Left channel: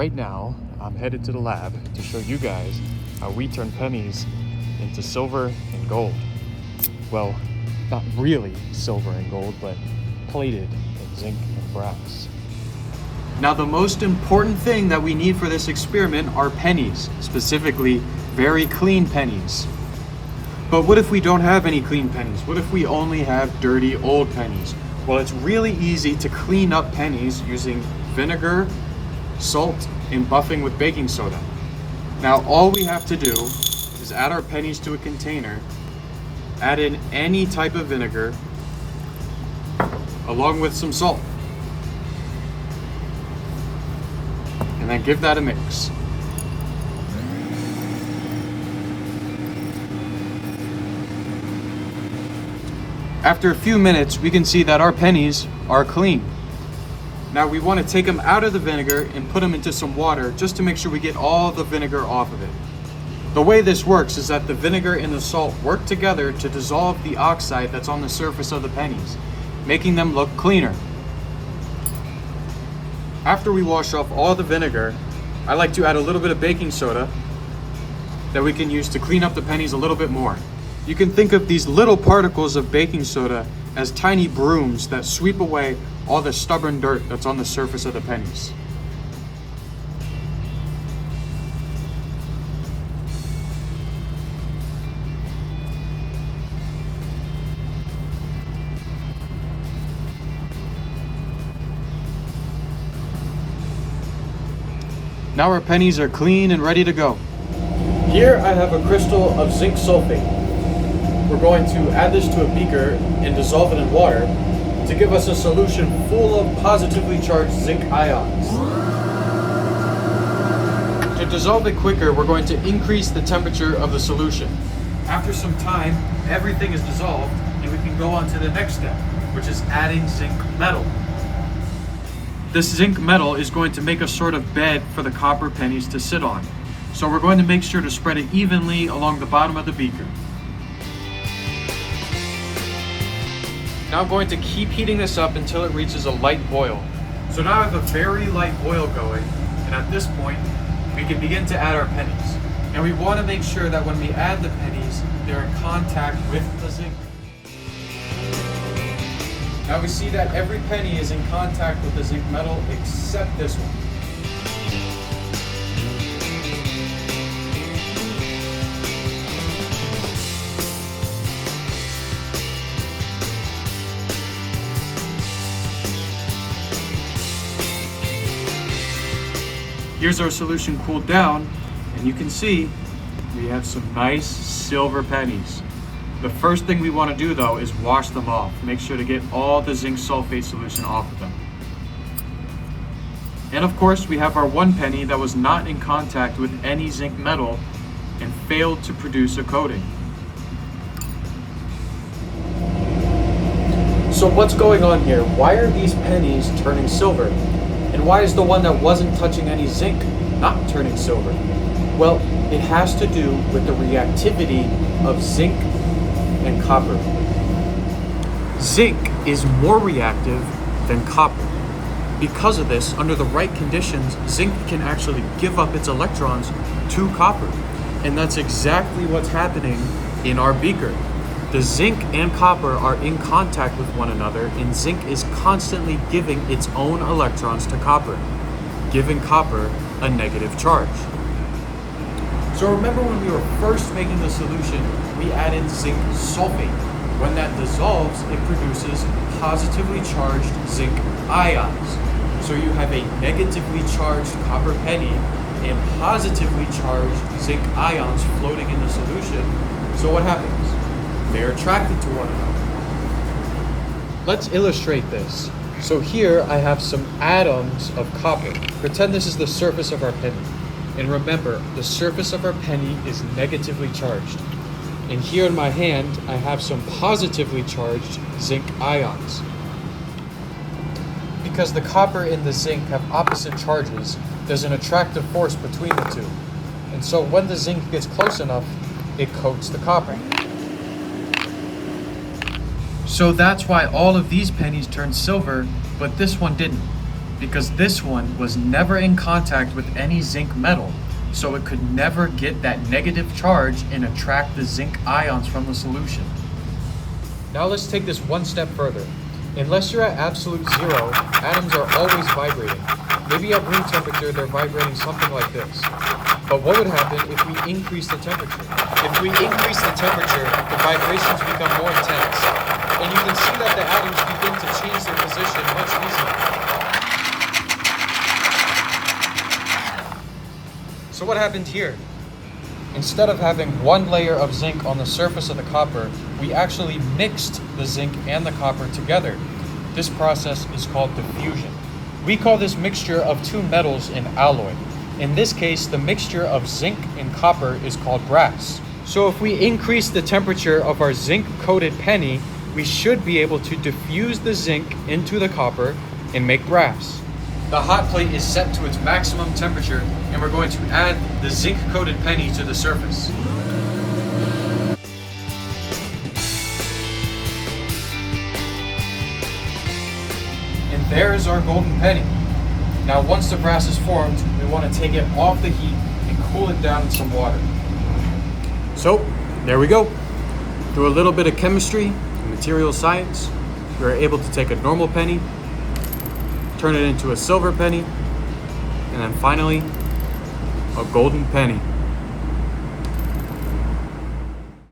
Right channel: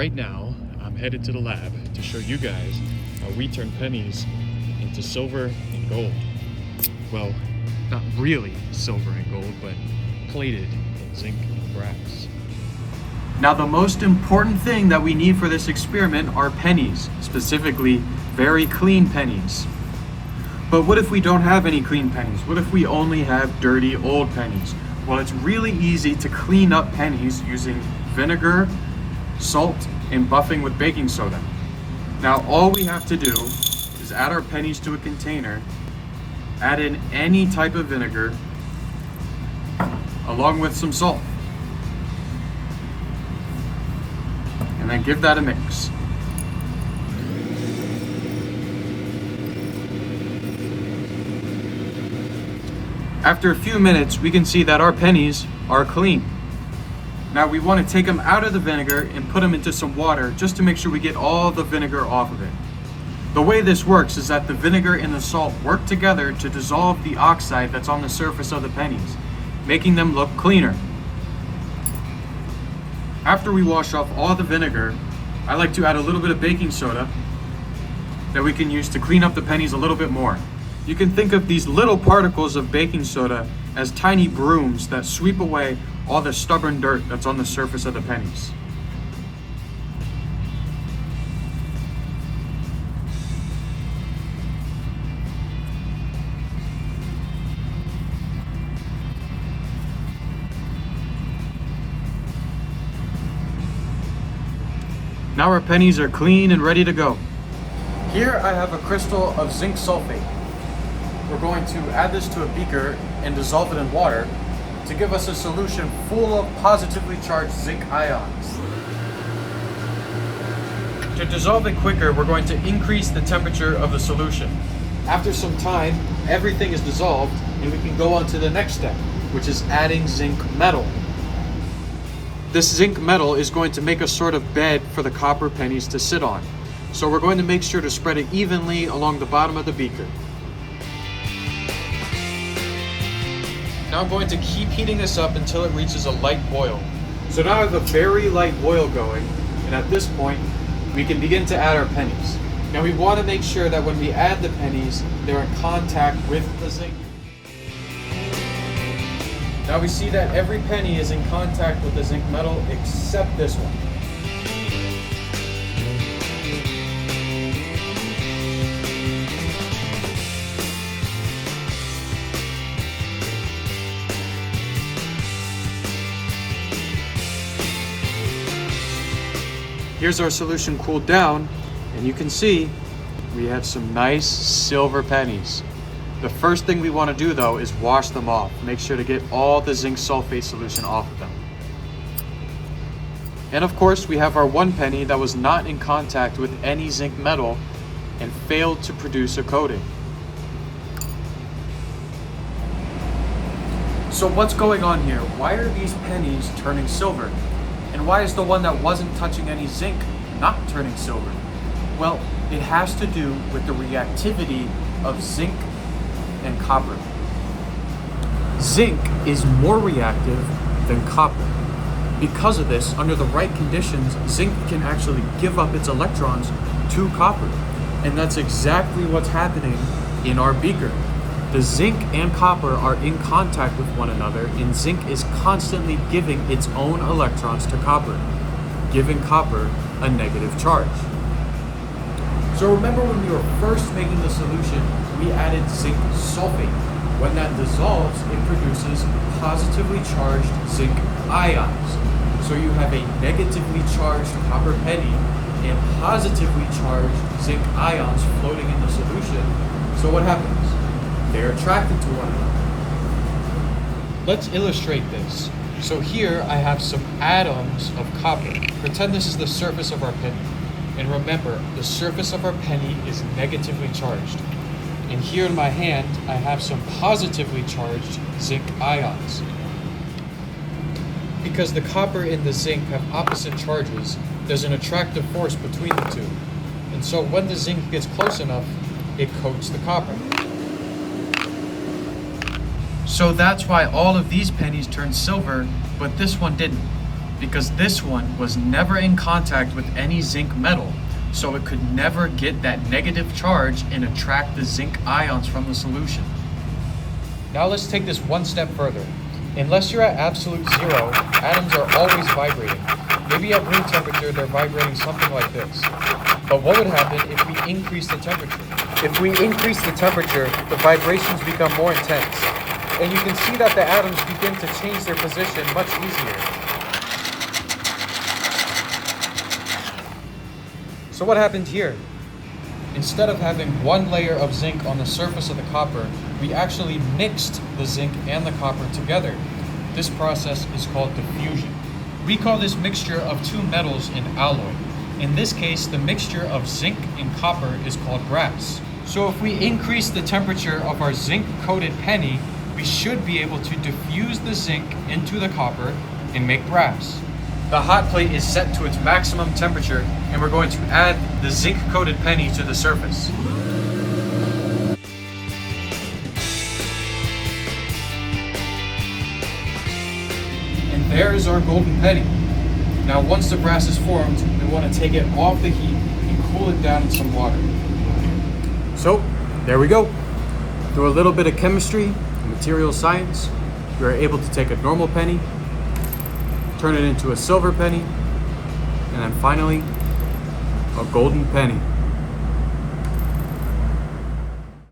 right now, I'm headed to the lab to show you guys how we turn pennies into silver and gold. Well, not really silver and gold, but plated in zinc and brass. Now, the most important thing that we need for this experiment are pennies, specifically very clean pennies. But what if we don't have any clean pennies? What if we only have dirty old pennies? Well, it's really easy to clean up pennies using vinegar, salt, and buffing with baking soda. Now, all we have to do is add our pennies to a container, add in any type of vinegar, along with some salt, and then give that a mix. After a few minutes, we can see that our pennies are clean. Now we want to take them out of the vinegar and put them into some water just to make sure we get all the vinegar off of it. The way this works is that the vinegar and the salt work together to dissolve the oxide that's on the surface of the pennies, making them look cleaner. After we wash off all the vinegar, I like to add a little bit of baking soda that we can use to clean up the pennies a little bit more. You can think of these little particles of baking soda as tiny brooms that sweep away all the stubborn dirt that's on the surface of the pennies. Now our pennies are clean and ready to go. Here I have a crystal of zinc sulfate. We're going to add this to a beaker and dissolve it in water to give us a solution full of positively charged zinc ions. To dissolve it quicker, we're going to increase the temperature of the solution. After some time, everything is dissolved and we can go on to the next step, which is adding zinc metal. This zinc metal is going to make a sort of bed for the copper pennies to sit on. So we're going to make sure to spread it evenly along the bottom of the beaker. Now I'm going to keep heating this up until it reaches a light boil. So now I have a very light boil going, and at this point, we can begin to add our pennies. And we want to make sure that when we add the pennies, they're in contact with the zinc. Now we see that every penny is in contact with the zinc metal except this one. Here's our solution cooled down, and you can see we have some nice silver pennies. The first thing we want to do though is wash them off. Make sure to get all the zinc sulfate solution off of them. And of course we have our one penny that was not in contact with any zinc metal and failed to produce a coating. So what's going on here? Why are these pennies turning silver? And why is the one that wasn't touching any zinc not turning silver? Well, it has to do with the reactivity of zinc and copper. Zinc is more reactive than copper. Because of this, under the right conditions, zinc can actually give up its electrons to copper. And that's exactly what's happening in our beaker. The zinc and copper are in contact with one another, and zinc is constantly giving its own electrons to copper, giving copper a negative charge. So remember when we were first making the solution, we added zinc sulfate. When that dissolves, it produces positively charged zinc ions. So you have a negatively charged copper penny and positively charged zinc ions floating in the solution. So what happens? They're attracted to one another. Let's illustrate this. So here I have some atoms of copper. Pretend this is the surface of our penny. And remember, the surface of our penny is negatively charged. And here in my hand, I have some positively charged zinc ions. Because the copper and the zinc have opposite charges, there's an attractive force between the two. And so when the zinc gets close enough, it coats the copper. So that's why all of these pennies turned silver, but this one didn't. because this one was never in contact with any zinc metal, so it could never get that negative charge and attract the zinc ions from the solution. Now let's take this one step further. Unless you're at absolute zero, atoms are always vibrating. Maybe at room temperature they're vibrating something like this. But what would happen if we increase the temperature? If we increase the temperature, the vibrations become more intense. And you can see that the atoms begin to change their position much easier. So what happened here? Instead of having one layer of zinc on the surface of the copper, we actually mixed the zinc and the copper together. This process is called diffusion. We call this mixture of two metals an alloy. In this case, the mixture of zinc and copper is called brass. So if we increase the temperature of our zinc-coated penny, we should be able to diffuse the zinc into the copper and make brass. The hot plate is set to its maximum temperature, and we're going to add the zinc-coated penny to the surface. And there is our golden penny. Now once the brass is formed, we want to take it off the heat and cool it down in some water. So, there we go. Through a little bit of chemistry and material science, we are able to take a normal penny, turn it into a silver penny, and then finally, a golden penny.